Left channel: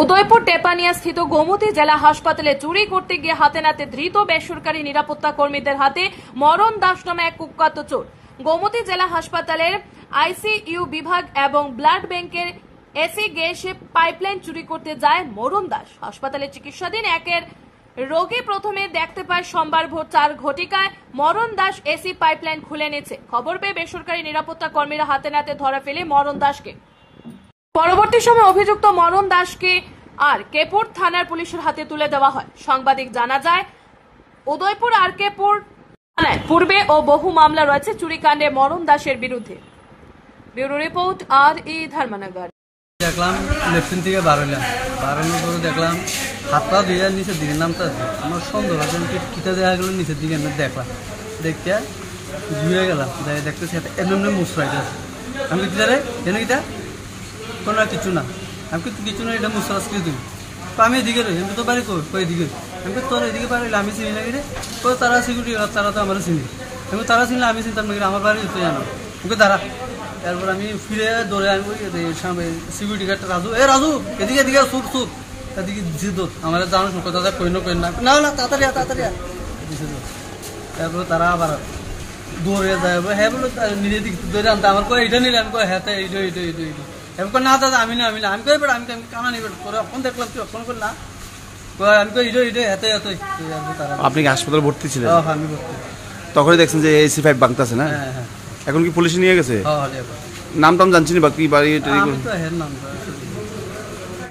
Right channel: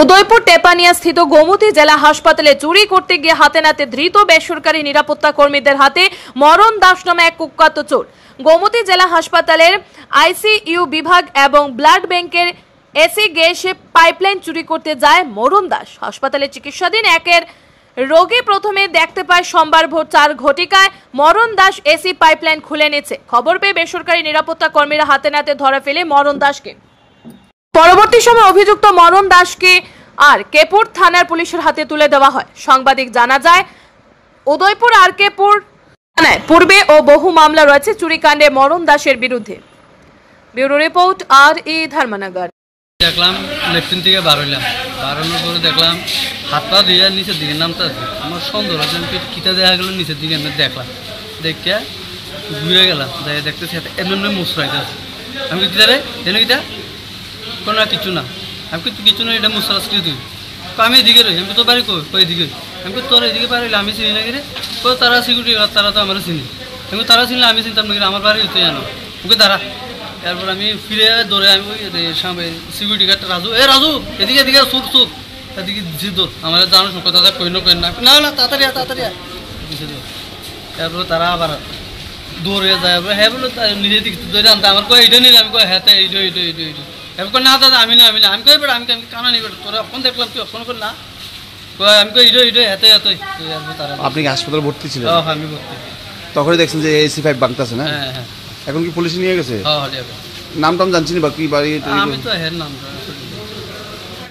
উদয়পুর টেপানিয়া স্থিত গোমতী জেলা হাসপাতালে চুরি করতে গিয়ে হাতে নাতে ধৃত বেসরকারি নিরাপত্তা কর্মীদের হাতে মরণ দাস নামে এক কুখ্যাত চোর। গোমতী জেলা হাসপাতালের আইসিইউ বিভাগ এবং ব্লাড ব্যাংকের এসি গ্যাস পাইপলাইন চুরি করতে যায় মরণ দাস। হাসপাতালে চিকিৎসাধীন একের রোগী প্রথমে দেখতে পায় সোমবার ভোর 4 ঘটিকায় মরণ দাস এসি পাইপলাইন খুলে নিচ্ছে। খবর পেয়ে বেসরকারি নিরাপত্তা কর্মীরা হাতে নাতে ধরে ফেলে মরণ দাসকে। পরবর্তী সময় অভিযুক্ত মরণ দাসকে আর কেপুর থানার পুলিশের হাতে তুলে দেওয়া হয়। সাংবাদিক জানা যায় উদয়পুর আর কেপুর থানায় পূর্বে ও বহু মামলা রয়েছে চুরিকাণ্ডে মরণ দাসের বিরুদ্ধে। ব্যুরো রিপোর্ট আর.ই. ধর্মনগর। দেখলাম লেফটিন থেকে বাড়ানোর পরে দেখলাম হাত পা দিয়ে নিচের দিকে নামতে আছে। আমার সন্দেহ আছে কিটা দেখা গেল নিচের দিকে আমি দেখলাম, দেখে ঘুরে গেলাম, দেখতেছি এমনি মুসরাইতে আছে। আমি কিটা রে যেন কিটা কোনো না কিছু না, আমি কিছু না, এটা মুসরাস কি তুই আমি এদিকে রই, আমি তো বাড়ি কই এদিকে, আমি তোর এদিকে পারিলে আমি চিনি না কি রে, তারা সিকিউরিটি গার্ড, তারা তো আমার চিনি, আমি তারা চিনলে আমি চিনতাম না, আমার বাড়ি হইতে জানো ওকে দাঁড়া। এরপর আমি ফিরে দৌড়ে আমি ওই সিকিউরিটি গার্ডটা রাজু এদিকে এদিকে সুর এদিকে দিছি দৌড়, আমার জানো শুক্র দাদা কই না না তাড়াতাড়ি দিছে দৌড়। এরপর তারা আবার দৌড়ে যায়, হ্যাঁ বলো নিজের দিকে দৌড়ে আনতে, আমার কয় এইটা নিলে, আমি কয় হ্যাঁ এইটা এবার না দাদা আমি না আমি কই বেটা আমি কানা নিই বেটা, তোরা এখন দেখলাম তুই এখন করে না কয়, আমি কই ইডো হাতে তারা। আপনি কি হাসপাতালে ভর্তি ছিলেন? হ্যাঁ আমি ভর্তি। তখনই দেখছেন যে এসি পাইপ ভাঙতেছে না? হ্যাঁ। এখন কি পুলিশ নিয়ে গেছে? হ্যাঁ নাম টাম জানছিনি বা কি বাড়ি? আমি তো হ্যাঁ নাম